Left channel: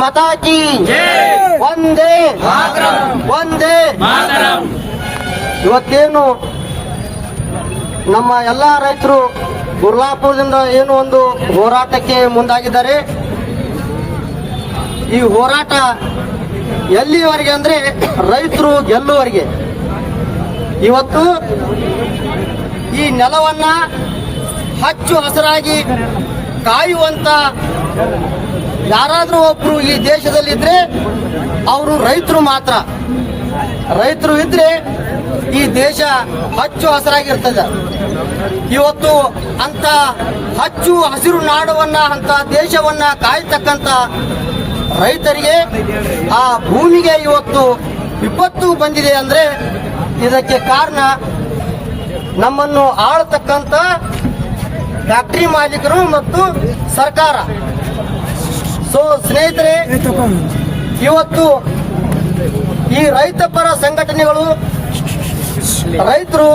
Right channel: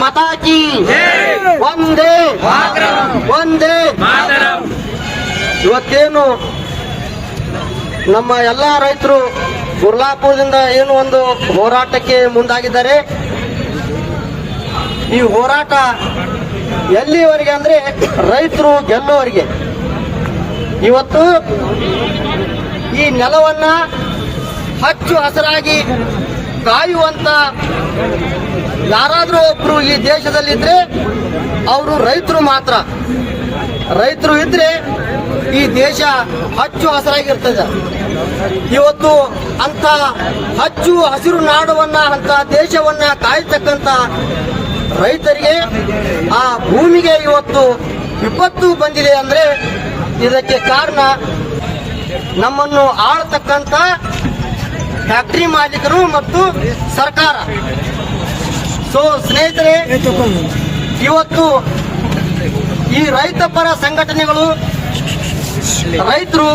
ಮತಾಕಿ. ಒಂದೇ. ಒಂದೇ. ಇವತ್ತೇನು ನಮ್ಮ ಎಲ್ಲಾ ರೈತರು ಗುರ್ಲಾಪುರದಿಂದ ಏನು ಒಂದು ಹೋರಾಟಕ್ಕೆ ಮುಂದಾಗಿದ್ದಾರೆ. ಈ ಹೋರಾಟ ಎಲ್ಲಿವರೆಗೆ ಅಂದ್ರೆ ರೈತರು ಗೆಲ್ಲುವರೆಗೆ ಇವತ್ತು ಈ ನೆಲವನ್ನ ಹಚ್ಚು ಹಸರಾಗಿ ಕಾಯುವಂತ ಯಾರಾದರೂ ಒಬ್ರು ಈ ದೇಶದಲ್ಲಿದ್ರೆ ಅವರು ರೈತರು ಮಾತ್ರ. ರೈತರು ಇದ್ರೆ ಈ ದೇಶ ಹಚ್ಚು ಹಸರಾಗಿರ್ತದೆ. ಇವತ್ತು ಅಂತ ಹಚ್ಚು ಹಸಿರು ನಾಡವನ್ನ, ಅಂತ ದೇಶವನ್ನ ಕಾಯ್ತಕ್ಕಂತ ರೈತರಿಗೆ ಆ ಭೂಮಿಗೆ ಇವತ್ತು ವಿಪತ್ತು ಬಂದಿದೆ ಅಂದ್ರೆ ಇದಕ್ಕೆ ಕಾರಣ ನಮ್ಮನ್ನು ಆಳತಕ್ಕಂತ ಫ್ಯಾಕ್ಟರಿ ಮಾಲೀಕರು ಮತ್ತು ಸರ್ಕಾರ. ಸೊ ಸ್ನೇಹಿತರೆ, ಇವತ್ತು ಈ ರೈತ ಪರ ಸಂಘಟನೆಗಳು, ರೈತರು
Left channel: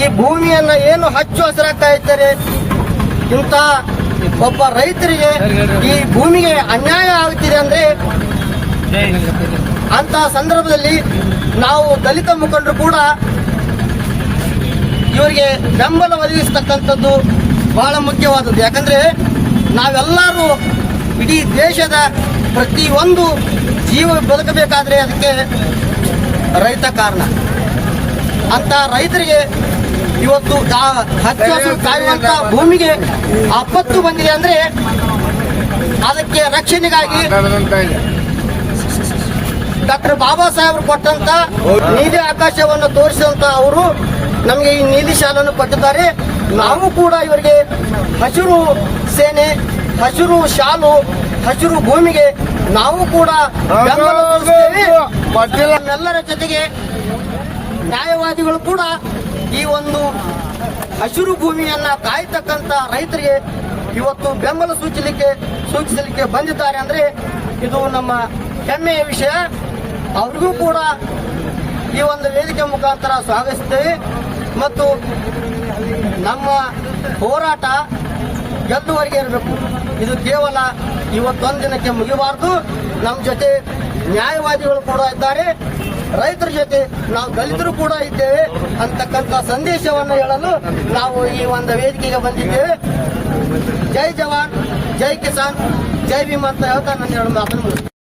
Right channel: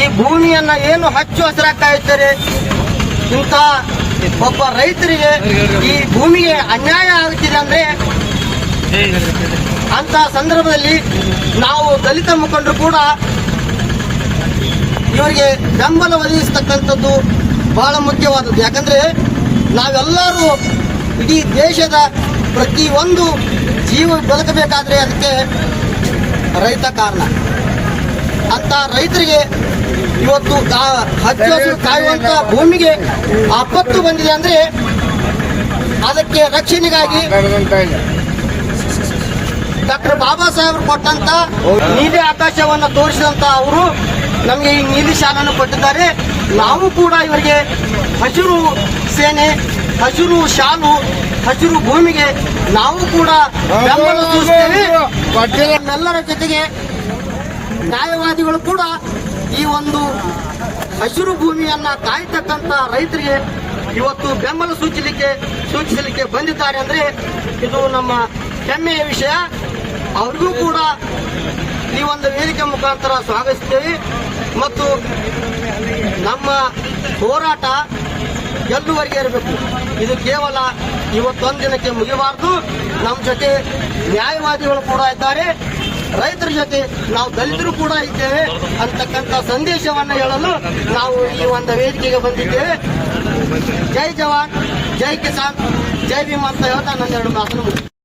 ಈ ಭೂಮಿಯನ್ನ ಏನು ಹಚ್ಚು ಹಸಿರಾಗ್ತಾ ಇದ್ದಾರೆ, ಇಂಥ ಒಬ್ಬ ರೈತರಿಗೆ ಈ ಭೂಮಿಗೆ ಅನ್ಯಾಯ ಆಗುತ್ತಿದೆ ಅಂದ್ರೆ ಅಂತ ಸಂದರ್ಭದಲ್ಲಿ ನಾವು ದಲಿತ ಮುಖಂಡರು ಕೂಡ ಇವರಿಗೆ ಬೆಂಬಲ ಒದಗಿಸ್ತಕ್ಕಂಥದ್ದು ಬಹಳ ಮುಖ್ಯವಾದದ್ದು. ಯಾಕಂದ್ರೆ ನಾವೆಲ್ಲರೂ ಇಡೀ ದೇಶದ ಪ್ರತಿಯೊಂದು ಜೀವ ಬದುಕಬೇಕಾದ್ರೆ ಅದಕ್ಕೆ ರೈತ ಕಾರಣ. ಅಂತ ರೈತರಿಗೆ ಇವತ್ತು ಹಚ್ಚು ಹಸಿರು ಕಾಯುವಂತ ಭೂಮಿಗೆ ಆಪತ್ತು ಬಂದಿದೆ ಅಂದ್ರೆ ಅದಕ್ಕೆ ರಕ್ಷಣೆಗಾಗಿ ಡಾಕ್ಟರ್ ಬಾಬಾ ಸಾಹೇಬರು ಕೊಟ್ಟಂತ ನೀಲಿ ಆಕಾಶವನ್ನು ತೋರಿಸಿದಂತ ಅವರು ನಮಗೆ ಈ ನೀಲಿ ಶಾಲನ್ನು ಕೊಟ್ಟಿದ್ದಾರೆ. ನಾವು ಕೂಡ ಇವರಿಗೆ ಹಸಿರು ಸೇನೆ, ಹಸಿರು ಶಾಲು, ಹಸಿರು ಭೂಮಿಗೆ ನಾವು ಕೂಡ ಬೆಂಬಲ ಸೂಚಿಸ್ತೇವೆ ನಮ್ಮೆಲ್ಲರ ಜೊತೆಗೆ ನ್ಯಾಯವಾದಿಗಳು ಕೂಡ ಈ ಒಂದು ಹಸಿರು ಭೂಮಿಯನ್ನ ಕಾಯ್ತಕ್ಕಂತ ರೈತರಿಗೆ ಇವತ್ತು ಬೆಂಬಲ ಸೂಚಿಸಲಿಕ್ಕೆ ಸೂಚಿಸಲಿಕ್ಕೆ ಬಂದಿದ್ದಾರೆ ಅಂದ್ರೆ ಇದು ನಮ್ಮ ಹೆಮ್ಮೆಯ ವಿಷಯ. ಅವ್ರಿಗೂ ಕೂಡ ಈ ಒಂದು ವೇದಿಕೆ ಮುಖಾಂತರ ಸ್ವಾಗತಿಸ್ತೇವೆ. ಮತ್ತು ನಮ್ಮ ಹೋರಾಟ ಗೆಲ್ಲುವರೆಗೆ ಇರಬೇಕು. ಇದು ಕೇವಲ ಇವತ್ತೊಂದು ದಿನಕ್ಕೆ ಮುಗಿಬಾರ್ದು ನಮ್ಮ ಜೊತೆ ನ್ಯಾಯವಾದಿಗಳು ಕೂಡ ಇದ್ದಾರೆ. ರೈತರ ಜೊತೆ ನಾವು ದಲಿತರು ಕೂಡ ಇದ್ದೇವೆ ಅಂತಕ್ಕಂಥ ಸಂದೇಶವನ್ನು ಹೇಳಲು ನಾವು ಈ ಒಂದು ವೇದಿಕೆಗೆ ಬಂದಿದ್ದೇವೆ. ಜೈ ಜವಾನ್, ಜೈ ಕಿಸಾನ್, ಜೈ ಭೀಮ್ ಅಂತ ಹೇಳ್ತಾ ನನ್ನ ಎರಡು ಮಾತನ್ನು.